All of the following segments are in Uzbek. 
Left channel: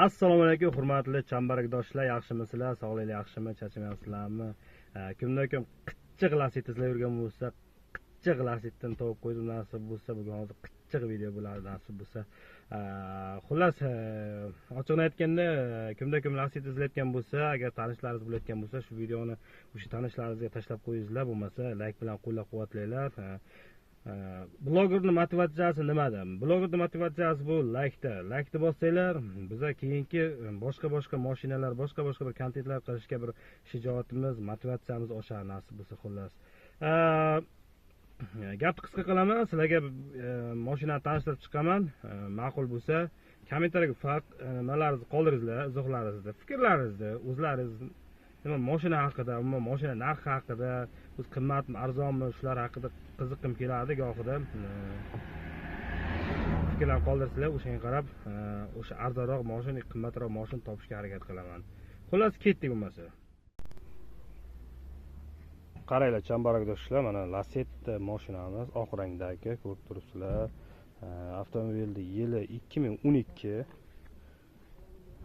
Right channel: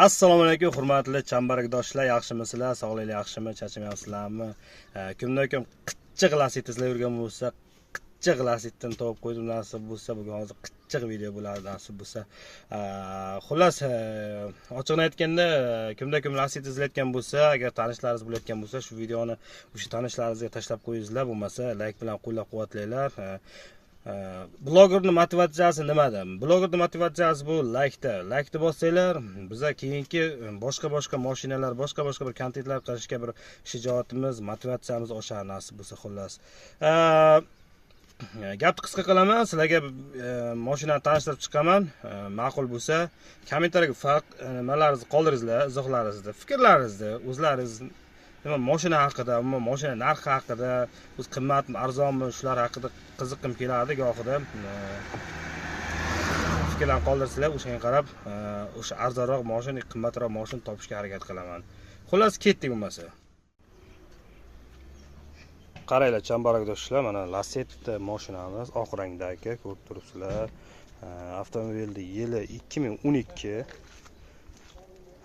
Assalomu alaykum hurmatli chambarakdoshlar, yaxshimisizlar? Sog'lig'ingiz yaxshimi? Charchamayapsizlarmi? Kimdan-kim qitchiq lasitizlar yurgan bo'lsa, qitchiq lasitdan topib qo'ydim, nasib bo'lsa bugun hozir qitchiq video bo'ladi, nasib bo'lsa. Xullas, ochiqni aytganda, kimdan-kim lasit izlayotgan bo'lsa, agar tanishlaringiz bo'layotgan bo'lsa, shu videoni o'sha tanishlaringizga tashlab qo'yingizlar, bo'lmasa like bilan qo'llab-quvvatlanglar. Blogerning motivatsiyasi nimada? Blogerning motivatsiyasi bu like bossanglar, biza keyingi boshqa mashinalar, boshqa bir kontentlar qilishga bir shijoatimiz, motivatsiyamiz oshar, nasib bo'lsa. Xullas, gapni qisqa qilaman, sizlarga mashinani tanishtirib chiqaman. Ma'qul bo'lsa kommentariyaga nimalaringizni qoldiringizlar, izohlaringizni, fikrlaringizni, o'zlaringiz nima mashina haqida, umuman mashina narxi haqida, o'z qimmatmi, arzonmi, shular haqida qiziqqim keladi gohida. Fikrlarni qoldirsanglar, o'shanga qarab o'sha arzonroq mashina, qimmatroq mashina topishga harakat qilaman. Xullas, ketdik bo'lmasa. Qaranglar chambarakdoshlar, mana Lacetti mashinamiz oq rangdagi, ko'rib turibsizlar. Avtomobilning yili 2012.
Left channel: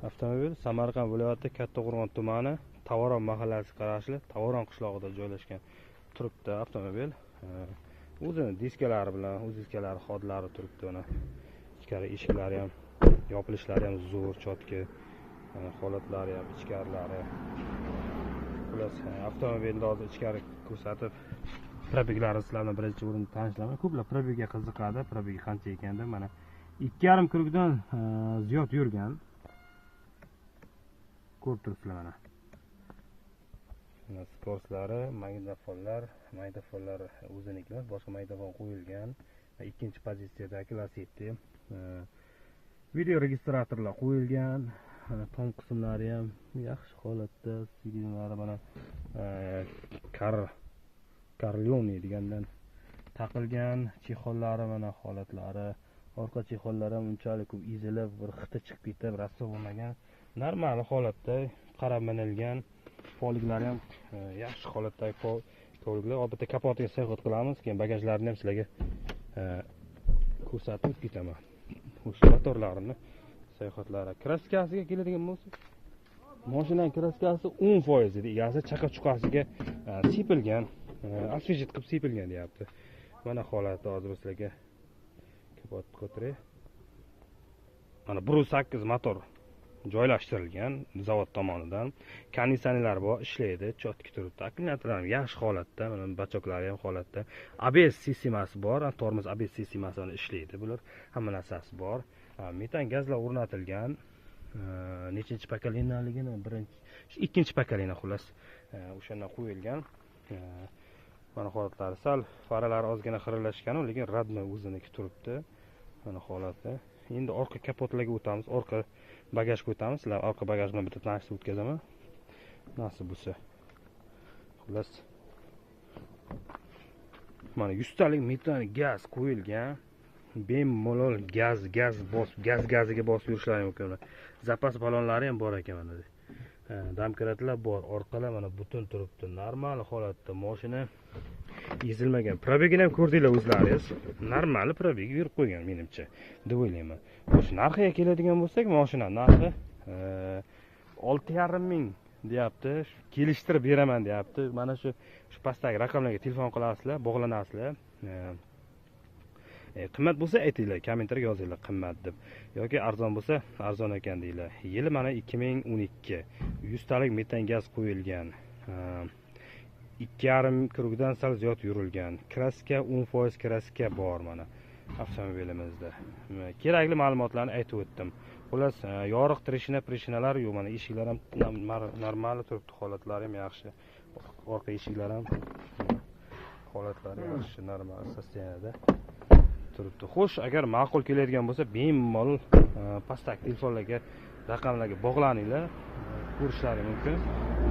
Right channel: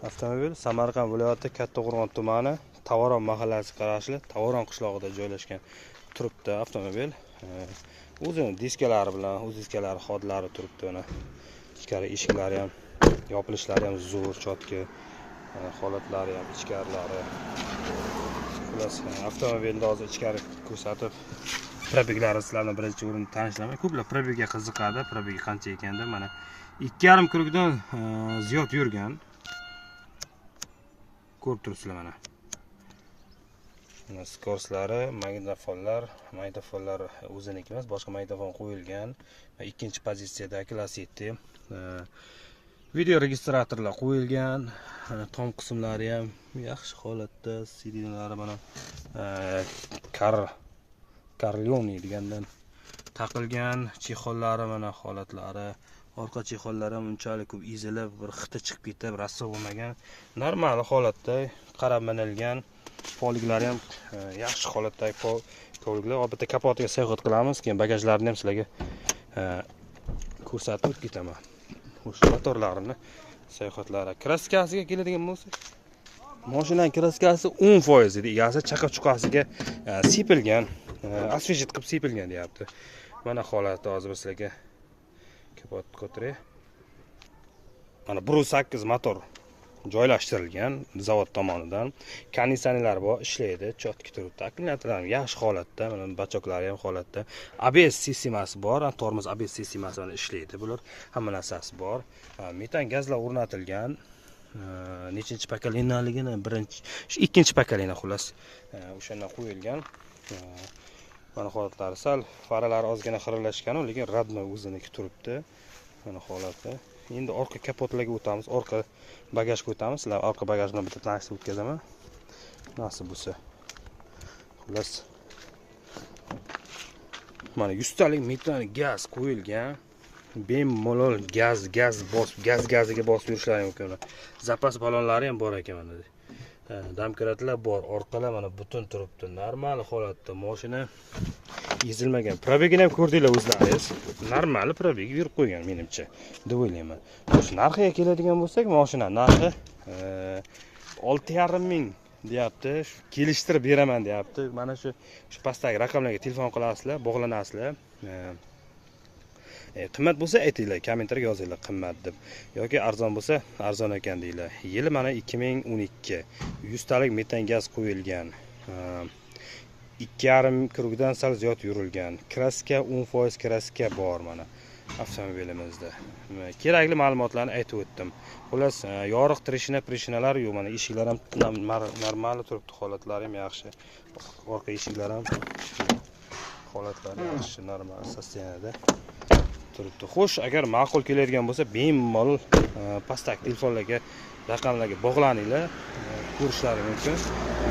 Avtomobil Samarqand viloyati Kattaqo'rg'on tumani Tavoron mahallasiga qarashli Tavoron qishlog'ida joylashgan turibdi avtomobil. O'zini diskalari bilan, o'z diskalari xodlari turibdi. Uni ichkari eshiklari ham, yopilishlari ham zo'r, chotki, holatlari ham, ichkarilari. Xullas, avtomobilni hozir ichkari ko'rsatib, probeglari sizlarni birinchi o'rinda tanishlaman. Ko'plar probegga qiziqadi, probegi qancha ekanda. Mana 2,5 krugdan ziyod yurgan. Ko'rib turibsizlar mana. Skorslari, magnitofonlar o'ziniki emas, boshqa magnitofon qo'yilgan. Ikkinchi pozitsiyadagi Lacetti. Video registratorlar qo'yilgan. Tom qismlari ham yaxshi holatda, sidinalari mana Carlioni degandan taqilgan, chexollari mana holatlari. Orqa chexollari ham unchalik ko'p ezilib, bir xita chiqib ketib, rasvo bo'lmagan, normal holatda qarab minilgan. Poliglari ham yaxshi holatdagi poliglar. Albatta kapotiga sayohat qilamiz, keyin bagajlarni ham sizlarga ko'rsatib ketaman. O'sha motorlarini sayohatlari. Kraskasiga keladigan bo'lsak, mashinaning kraskasi 10% edi. Egasi chaqa chuqasiga sepilgan, asfejit qilib sepilgan deyapti. Mana holati hozir sizlarga kapot ko'tiray. Mana 1.8 motor joylashtirilgan zavod tomonidan. Konditsionerlar bor, ishlaydi, chotki turibdi. Akkumulyatorlar ham yaxshi holatda, mana bachoklari ham holatda. ABS sistemasi bor, tormoz ABS sistemasi bilan ishlaydi. Bular hamma narsasi bor. Metan gazlar o'rnatilgan. Nechinchi pokoleniyaligini, ikkinchi pokoleniya xullas. O'shandan qo'yilgan. Mana holatlari sal faralari ozgina xiralashgan, lekin radmay o'ziniki turibdi. Mana holati. Endi orqa kapotlarga o'tamiz, orqa bagajga o'tamiz. Sizlar orqa bagaj bilan bitta tanishtirib o'tkazaman. Nasib bo'lsa. Xullas. Mana 100 talik metan gaz qo'yilgan. Bemalol gaziga bosib yurishlari mumkin. Zapas balonlari ham bor ekan mana. Damkratlar bor, orqalar mana butun turibdi. Normal holatda mashina ezilmagan. Probegini ham ko'rdinglar o'zlaringiz. Normal probeg yurib qo'ygan menimcha, deb o'ylayman. O'sha narxiga keladigan bo'lsak, mashina narxi 6,5 ming deyapti. Kelishtirib beraman deyapti. Mana shu pastdagi raqamlarga telefon qilasizlar, bog'lanasizlar. Qimmat bo'lsa aytinglar, kommentariyaga yozinglar qimmat deb. Yoki arzon bo'lsa, arzon ekan deylar. Yili mana 2012. 100 talik metan gaz qo'yilgan. 2,5 krugdan sal ziyod yurilgan. Kraska 10% kraska bor mana avtomobilimizda. Kerakli ma'lumotlarni aytib o'tdim. Xullas, yoriq trishinalar yo'q, mana eshiklar ham normal turibdi, holatlari ham yaxshi. Orqa eshiklar ham holatlari yaxshi, normal sosteniyada turibdi. Xo'sh, agar ma'qul keladigan bo'lsa, bemalol pastdagi telefonlarga, raqamlarga bog'laninglar, ko'rishlari mumkin.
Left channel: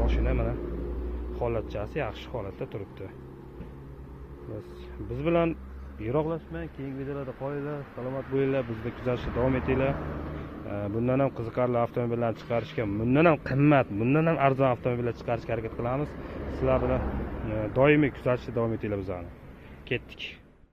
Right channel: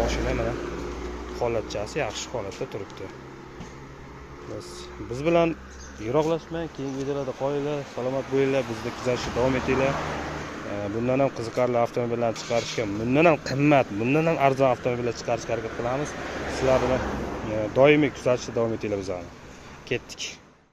Mashina mana holatchasi yaxshi holatda turibdi. Biz bilan yiroqlashmang, keyingi videolarda qolinglar, salomat bo'linglar, bizni kuzatishda davom etinglar. Bundan ham qiziqarli avtomobillarni chiqarishga, bundan ham qimmat, bundan ham arzon avtomobillar chiqarishga harakat qilamiz. Sizlar bilan doimiy kuzatishda davom etinglar bizani. Ketdik.